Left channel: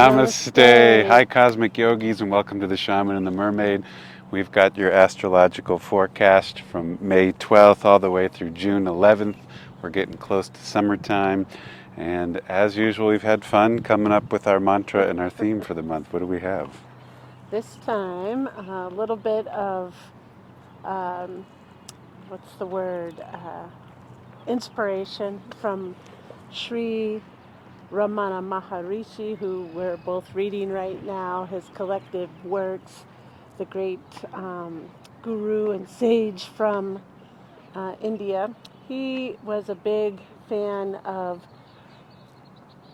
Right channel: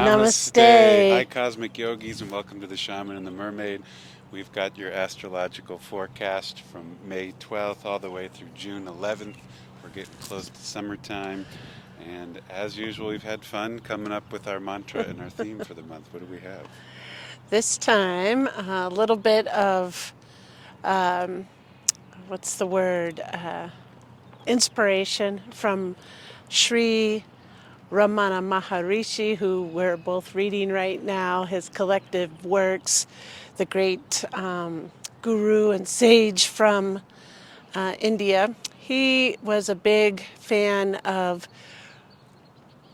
Namaste. Hi, cosmic yogis, and welcome to the Shaman and the Mermaid. We've got your astrological forecast from May 12th all the way through June 11th. We're getting close to summertime, and as usual, we've had fun coming up with our mantra and our theme for the month. What do we have? This time, a little bit of, what's the word, inspiration from Sri Ramana Maharishi, who we're both reading right now, his collective works, the great guru and sage from India. He was a big fan of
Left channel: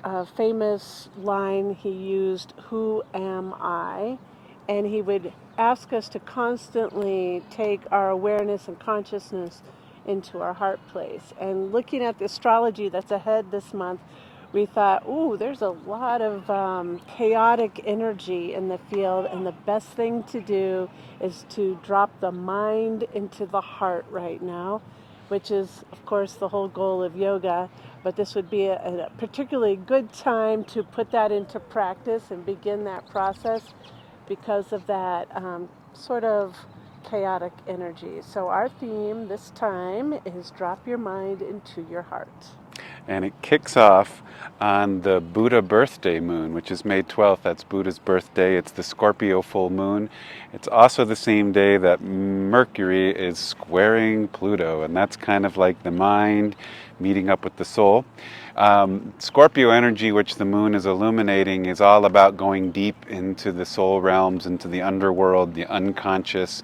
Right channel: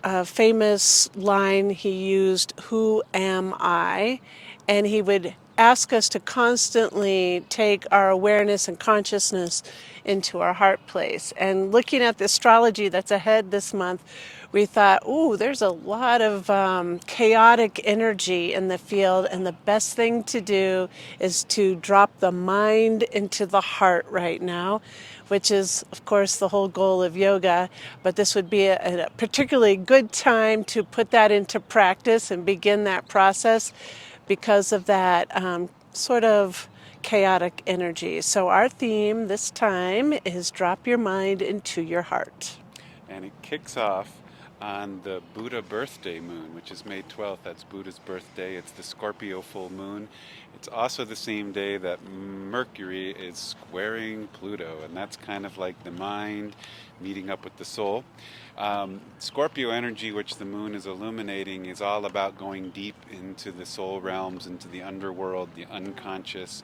a famous line he used, "Who am I?" And he would ask us to constantly take our awareness and consciousness into our heart place. And looking at the astrology that's ahead this month, we thought, ooh, there's a lot of chaotic energy in the field, and the best thing to do is to drop the mind into the heart right now, which is, of course, the whole goal of yoga. But this would be a particularly good time to put that into practice and begin that process because of that sort of chaotic energy. So our theme this time is drop your mind into your heart. And it kicks off on the Buddha birthday moon, which is May 12th. That's Buddha's birthday. It's the Scorpio full moon. It's also the same day that Mercury is squaring Pluto, and that's kind of like the mind meeting up with the soul. Scorpio energy, which the moon is illuminating, is all about going deep into the soul realms, into the underworld, the unconscious.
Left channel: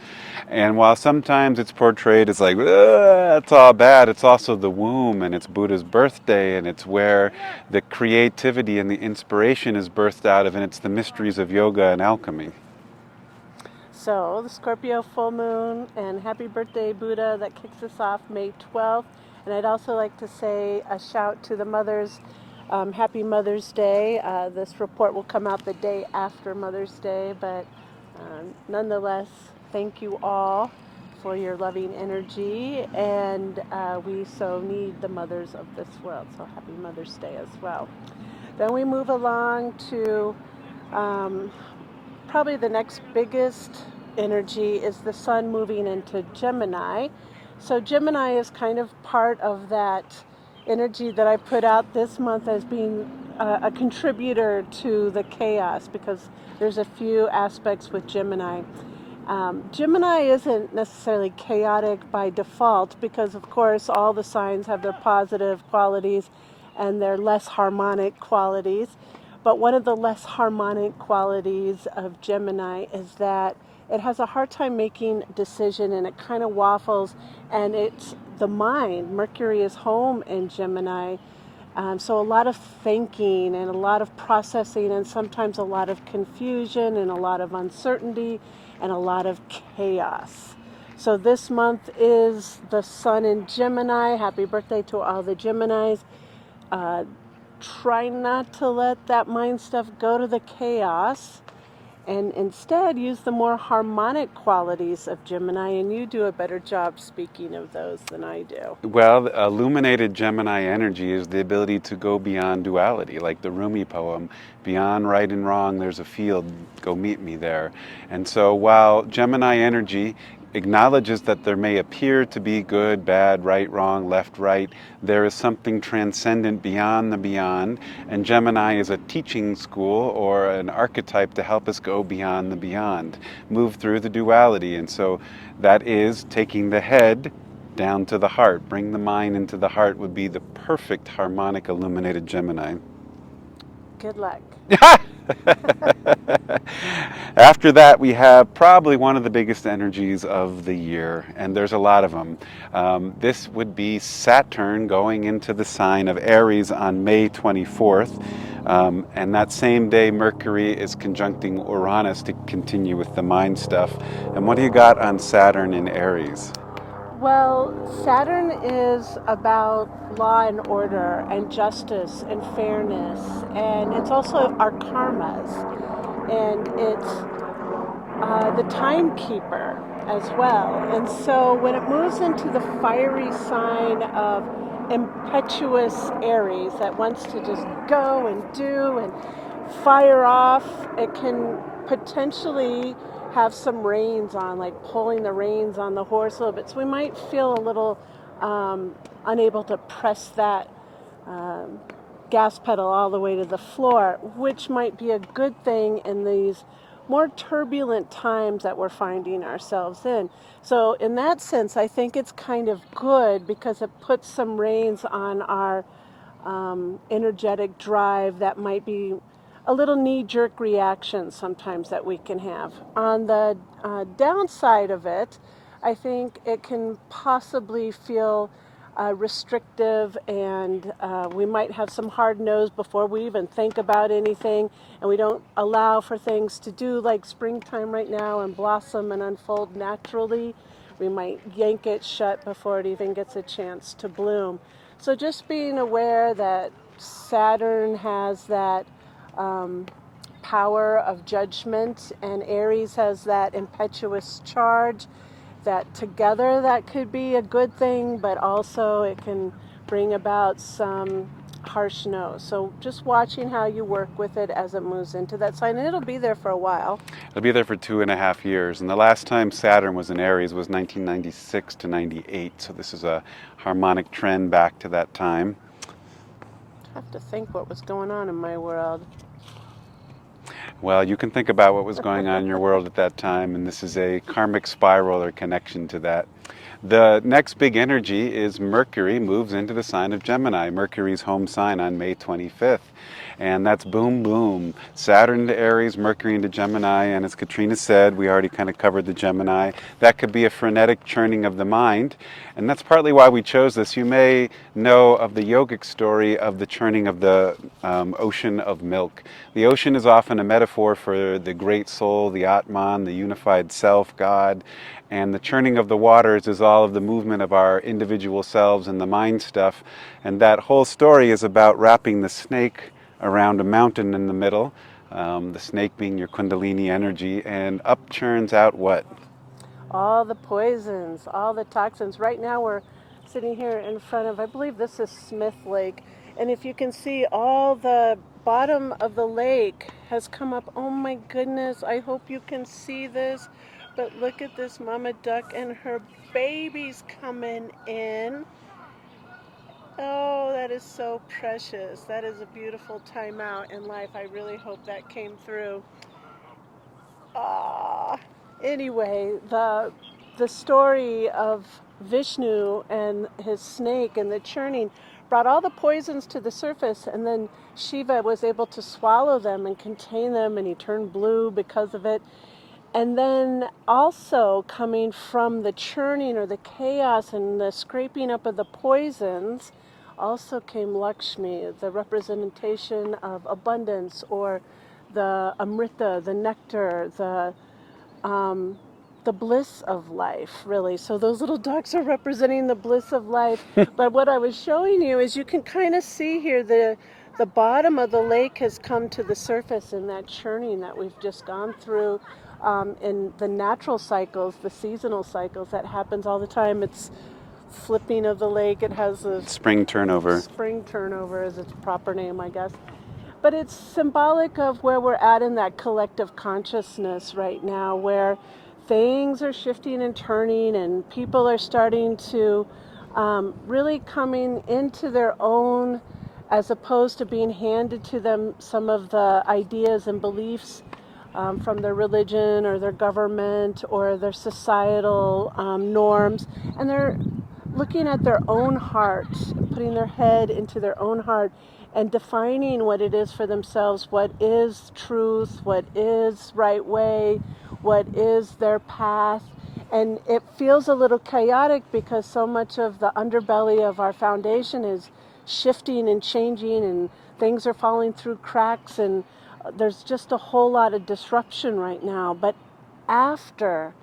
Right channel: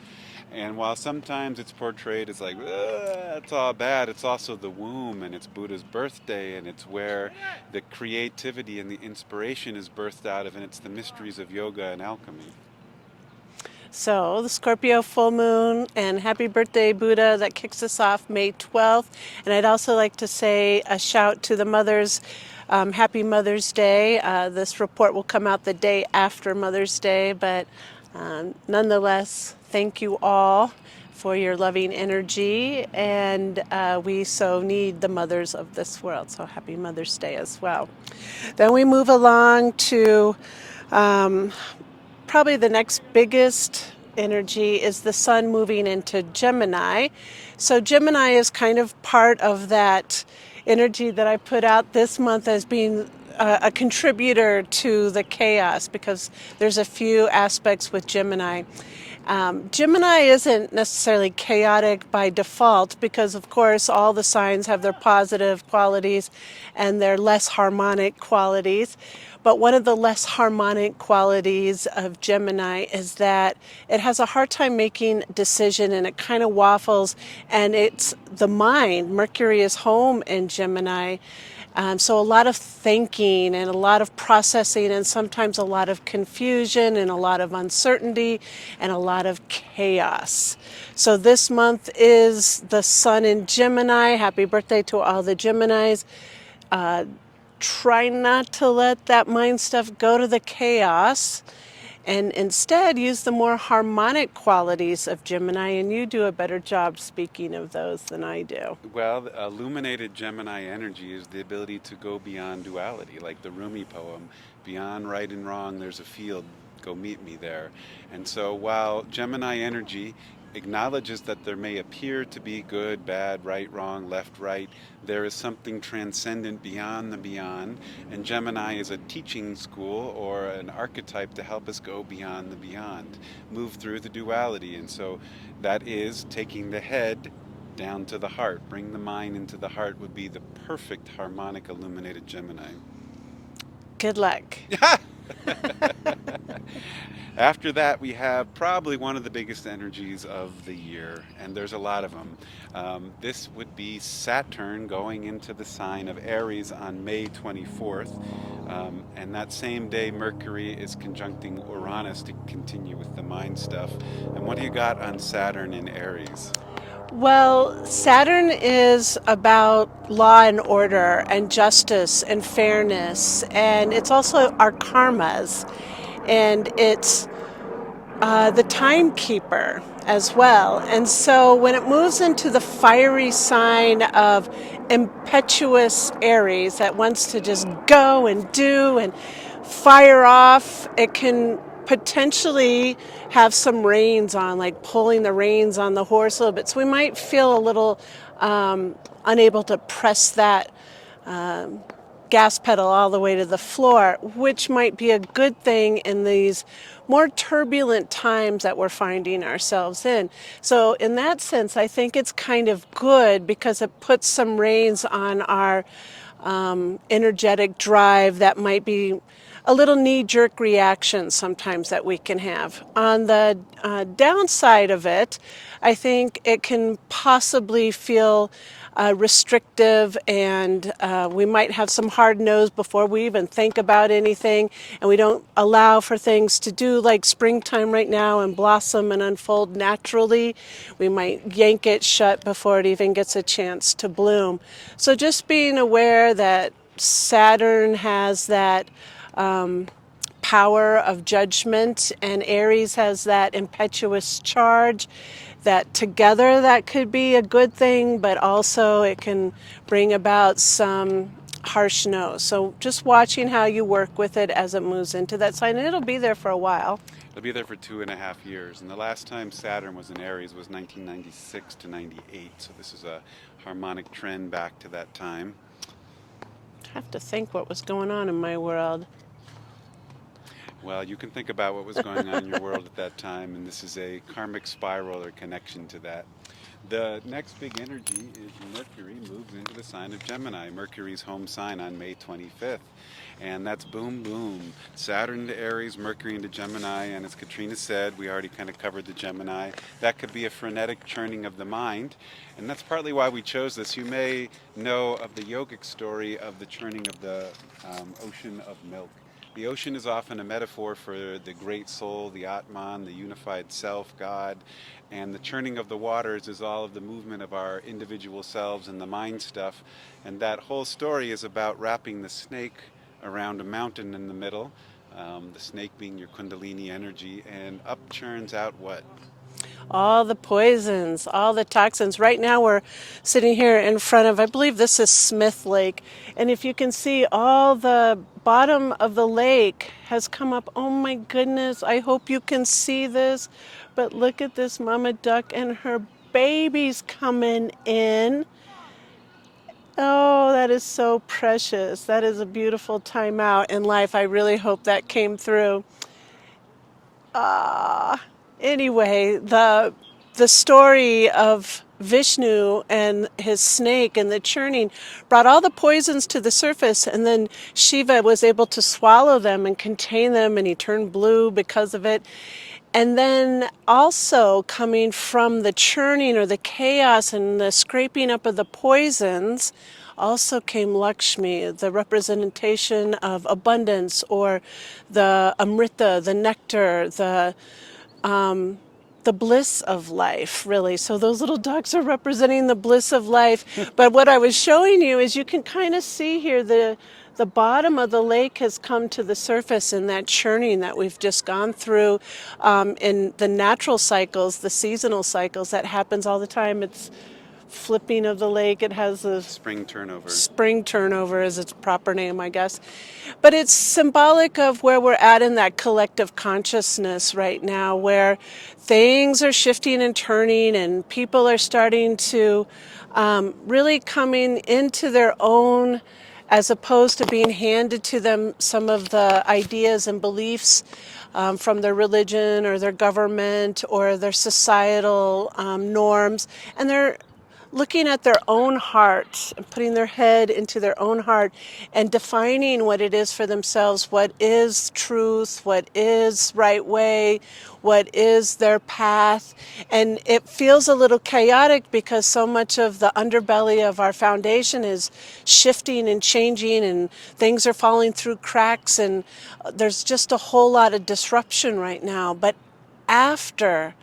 And while sometimes it's portrayed as like, it's all bad, it's also the womb, and it's Buddha's birthday, and it's where the creativity and the inspiration is birthed out of, and it's the mysteries of yoga and alchemy. So the Scorpio full moon, and happy birthday, Buddha. That kicks us off May 12th. And I'd also like to say a shout to the mothers. Happy Mother's Day. This report will come out the day after Mother's Day, but nonetheless, thank you all for your loving energy, and we so need the mothers of this world. So happy Mother's Day as well. Then we move along to probably the next biggest energy is the sun moving into Gemini. So Gemini is kind of part of that energy that I put out this month as being a contributor to the chaos, because there's a few aspects with Gemini. Gemini isn't necessarily chaotic by default, because of course all the signs have their positive qualities and their less harmonic qualities. But one of the less harmonic qualities of Gemini is that it has a hard time making decision, and it kind of waffles, and it's the mind. Mercury is home in Gemini. So a lot of thinking and a lot of processing, and sometimes a lot of confusion and a lot of uncertainty and a lot of chaos. So this month is the sun in Gemini. Happy birthday to all the Geminis. Try not to let that mind stuff go to the chaos, and instead use the more harmonic qualities of Gemini, and you do a better job speaking of those than I do. Well, illuminated Gemini energy is the ability to go beyond duality, like the Rumi poem, beyond right and wrong, there's a field, go meet me there. And so while Gemini energy acknowledges that there may appear to be good, bad, right, wrong, left, right, there is something transcendent beyond the beyond, and Gemini is a teaching school or an archetype to help us go beyond the beyond, move through the duality. And so that is taking the head down to the heart. Bring the mind into the heart would be the perfect harmonic illuminated Gemini. Good luck. After that, we have probably one of the biggest energies of the year, and there's a lot of them. This would be Saturn going into the sign of Aries on May 24th, and that same day Mercury is conjuncting Uranus to continue with the mind stuff. And what do you got on Saturn in Aries? Well, Saturn is about law and order and justice and fairness, and it's also our karmas, and it's the timekeeper as well. And so when it moves into the fiery sign of impetuous Aries that wants to just go and do and fire off. It can potentially have some reins on, like pulling the reins on the horse a little bit. So we might feel a little unable to press that gas pedal all the way to the floor, which might be a good thing in these more turbulent times that we're finding ourselves in. So in that sense, I think it's kind of good because it puts some reins on our energetic drive that might be a little knee-jerk reaction sometimes that we can have. On the downside of it, I think it can possibly feel restrictive, and we might have some hard nose before we even think about anything, and we don't allow for things to do like springtime right now and blossom and unfold naturally. We might yank it shut before it even gets a chance to bloom. So just being aware that Saturn has that power of judgment, and Aries has that impetuous charge, that together that could be a good thing, but also it can bring about some harsh no. So just watching how you work with it as it moves into that sign, and it'll be there for a while. It'll be there for 2.5 years. And the last time Saturn was in Aries was 1996 to 98. So this is a harmonic trend back to that time. I have to think what was going on in my world. Well, you can think about what was going on in your world at that time, and this is a karmic spiral or connection to that. The next big energy is Mercury moves into the sign of Gemini, Mercury's home sign, on May 25th. And that's boom, boom. Saturn to Aries, Mercury into Gemini, and as Katrina said, we already kind of covered the Gemini. That could be a frenetic churning of the mind, and that's partly why we chose this. You may know of the yogic story of the churning of the ocean of milk. The ocean is often a metaphor for the great soul, the Atman, the unified self, God. And the churning of the waters is all of the movement of our individual selves and the mind stuff. And that whole story is about wrapping the snake around a mountain in the middle, the snake being your kundalini energy, and up churns out what? All the poisons, all the toxins. Right now we're sitting here in front of, I believe this is Smith Lake. And if you can see, all the bottom of the lake has come up. Oh my goodness, I hope you can see this. But look at this mama duck and her babies coming in. Oh, that is so precious. That is a beautiful time out in life. I really hope that came through. Anyway, the story of Vishnu and his snake and the churning brought all the poisons to the surface, and then Shiva was able to swallow them and contain them, and he turned blue because of it. And then also coming from the churning or the chaos and the scraping up of the poisons also came Lakshmi, the representation of abundance, or the Amrita, the nectar, the bliss of life, really. So those little ducks are representing the bliss of life. But what I was showing you is you can kind of see here the bottom of the lake has come to the surface in that churning that we've just gone through, in the natural cycles, the seasonal cycles that happens all the time. It's flipping of the lake. It has a Spring turnover. spring turnover is its proper name, I guess. But it's symbolic of where we're at in that collective consciousness right now, where things are shifting and turning, and people are starting to really coming into their own, as opposed to being handed to them some of the ideas and beliefs from their religion or their government or their societal norms. And they're looking at their own heart, putting their head into their own heart and defining what it is for themselves, what is truth, what is right way, what is their path. And it feels a little chaotic because so much of the underbelly of our foundation is shifting and changing, and things are falling through cracks, and there's just a whole lot of disruption right now. But after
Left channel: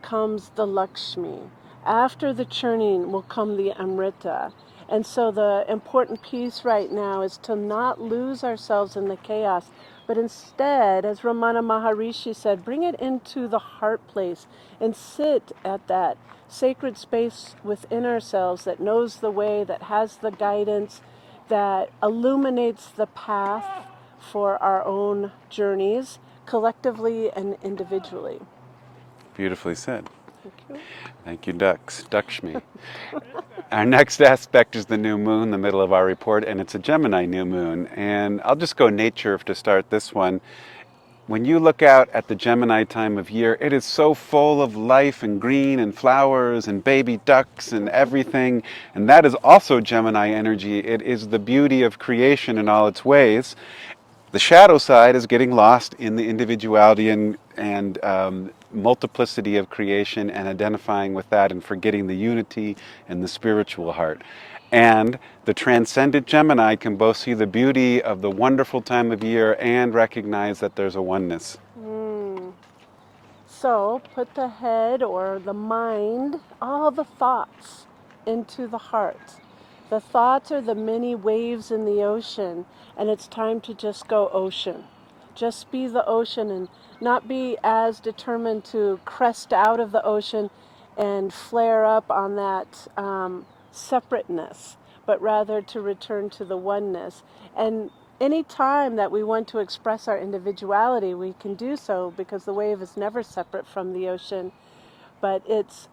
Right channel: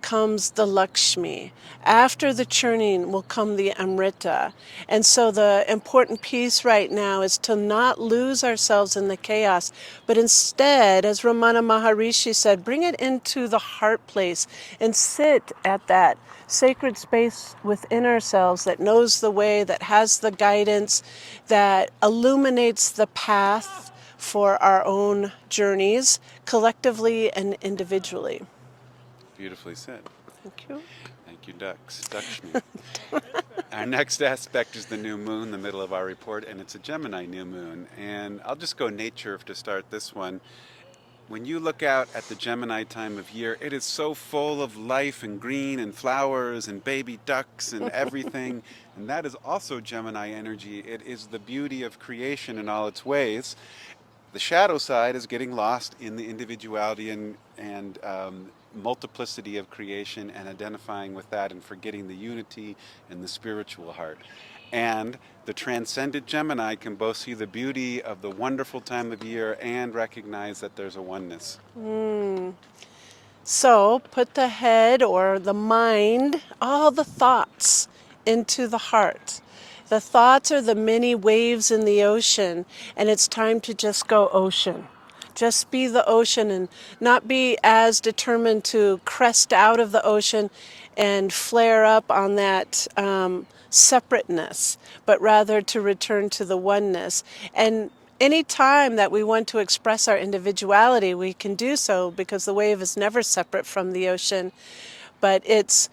comes the Lakshmi. After the churning will come the Amrita. And so the important piece right now is to not lose ourselves in the chaos, but instead, as Ramana Maharishi said, bring it into the heart place and sit at that sacred space within ourselves that knows the way, that has the guidance, that illuminates the path for our own journeys, collectively and individually. Beautifully said. Thank you. Thank you, Ducks. Duckshmi. Our next aspect is the new moon, the middle of our report, and it's a Gemini new moon. And I'll just go nature to start this one. When you look out at the Gemini time of year, it is so full of life and green and flowers and baby ducks and everything. And that is also Gemini energy. It is the beauty of creation in all its ways. The shadow side is getting lost in the individuality and multiplicity of creation and identifying with that and forgetting the unity and the spiritual heart. And the transcendent Gemini can both see the beauty of the wonderful time of year and recognize that there's a oneness. So put the head or the mind, all the thoughts, into the heart. The thoughts are the many waves in the ocean, and it's time to just go ocean. Just be the ocean and not be as determined to crest out of the ocean and flare up on that separateness, but rather to return to the oneness. And any time that we want to express our individuality, we can do so because the wave is never separate from the ocean. But it's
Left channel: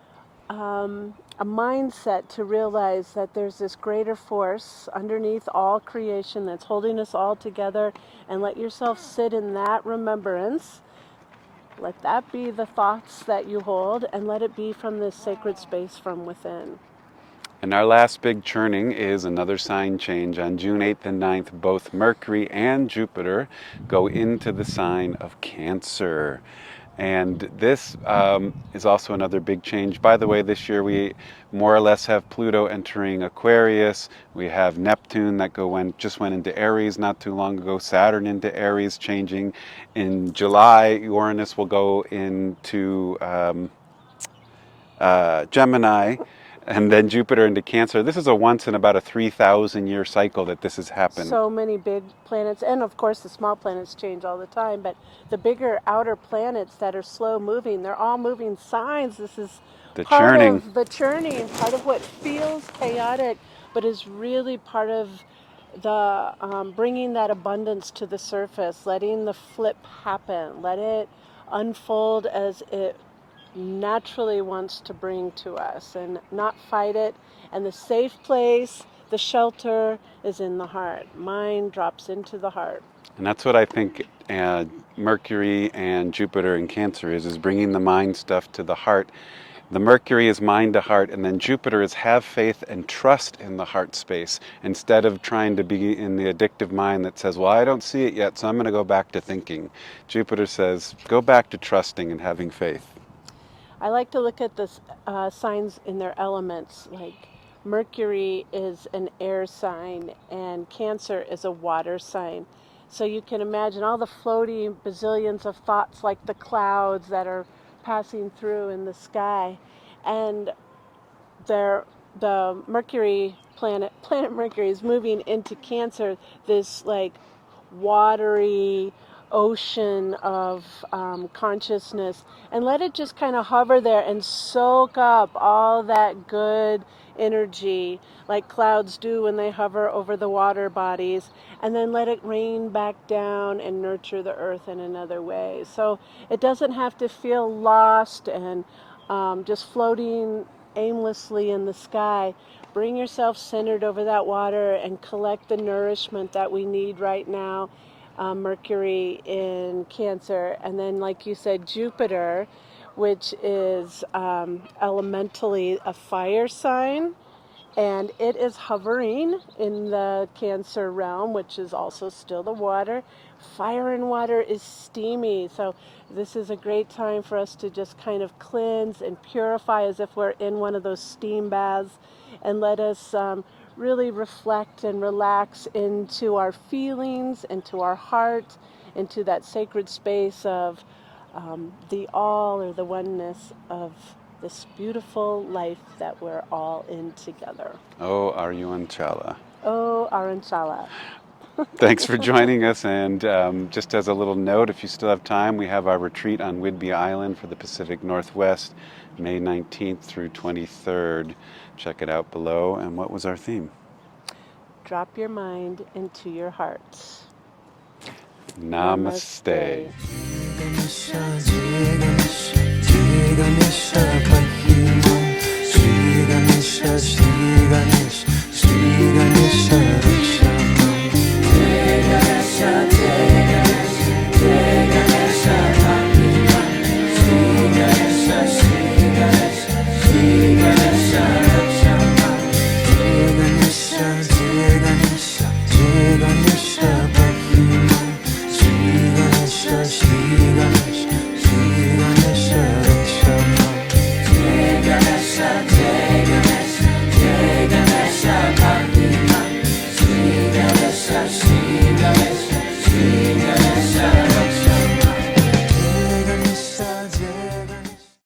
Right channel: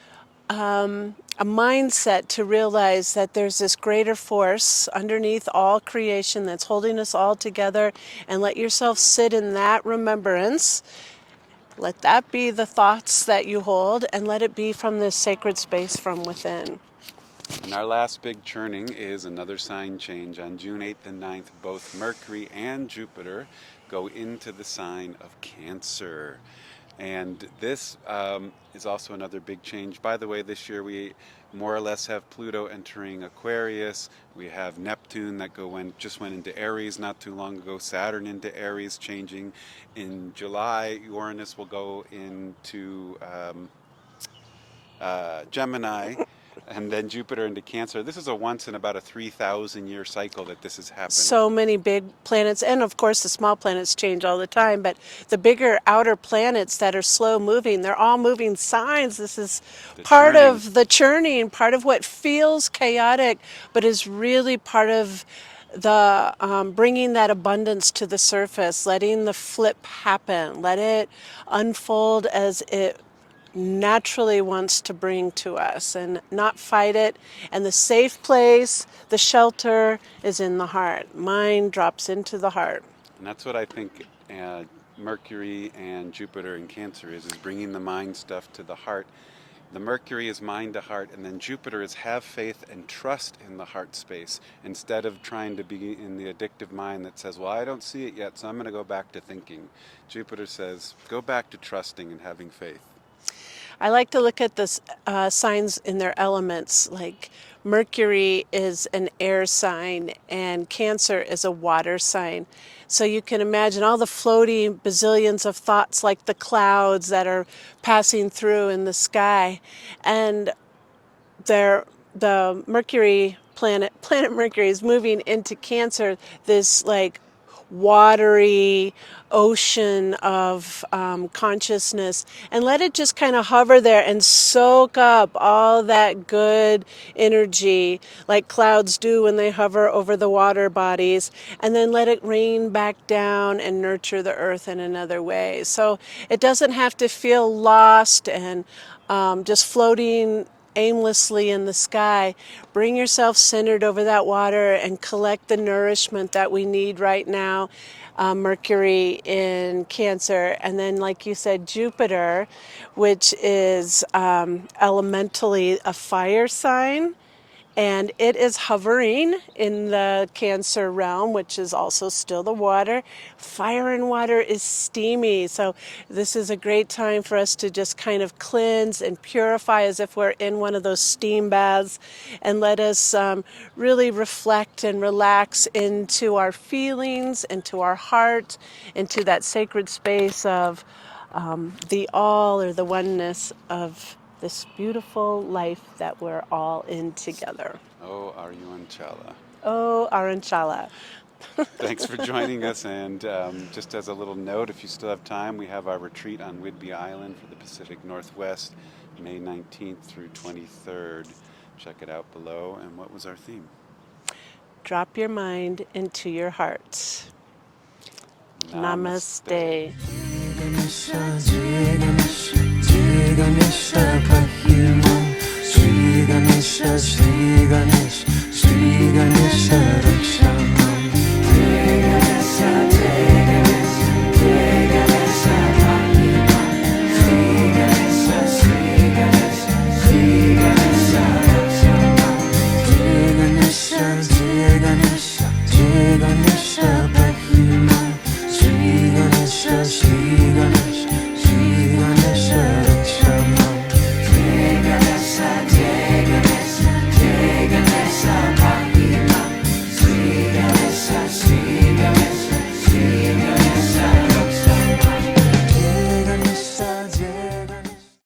a mindset to realize that there's this greater force underneath all creation that's holding us all together, and let yourself sit in that remembrance. Let that be the thoughts that you hold, and let it be from this sacred space from within. And our last big churning is another sign change. On June 8th and 9th, both Mercury and Jupiter go into the sign of Cancer. And this is also another big change. By the way, this year we more or less have Pluto entering Aquarius. We have Neptune that just went into Aries not too long ago. Saturn into Aries changing. In July, Uranus will go into Gemini, and then Jupiter into Cancer. This is a once in about a 3,000 year cycle that this has happened. So many big planets, and of course the small planets change all the time, but the bigger outer planets that are slow moving, they're all moving signs. This is The part churning. of the churning, part of what feels chaotic, but is really part of the bringing that abundance to the surface, letting the flip happen, let it unfold as it naturally wants to bring to us, and not fight it. And the safe place, the shelter, is in the heart. Mind drops into the heart. And that's what I think Mercury and Jupiter in Cancer is bringing the mind stuff to the heart. The Mercury is mind to heart, and then Jupiter is have faith and trust in the heart space instead of trying to be in the addictive mind that says, well, I don't see it yet, so I'm going to go back to thinking. Jupiter says, go back to trusting and having faith. I like to look at the signs in their elements. Like Mercury is an air sign and Cancer is a water sign. So you can imagine all the floating bazillions of thoughts, like the clouds that are passing through in the sky. And the Mercury planet Mercury is moving into Cancer, this like watery ocean of consciousness, and let it just kind of hover there and soak up all that good energy like clouds do when they hover over the water bodies, and then let it rain back down and nurture the earth in another way. So it doesn't have to feel lost and just floating aimlessly in the sky. Bring yourself centered over that water and collect the nourishment that we need right now. Mercury in Cancer, and then, like you said, Jupiter, which is elementally a fire sign, and it is hovering in the Cancer realm, which is also still the water. Fire and water is steamy, so this is a great time for us to just kind of cleanse and purify as if we're in one of those steam baths, and let us really reflect and relax into our feelings, into our heart, into that sacred space of the all, or the oneness of this beautiful life that we're all in together. Oh, Aryuanchala. Oh, Aranchala. Thanks for joining us. And just as a little note, if you still have time, we have our retreat on Whidbey Island for the Pacific Northwest, May 19th through 23rd. Check it out below. And what was our theme? Drop your mind into your heart. Namaste. Ganesha, Jai Ganesha, Jai Ganesha, Pahimam, Shri Ganesha, Shri Ganesha, Shri Ganesha,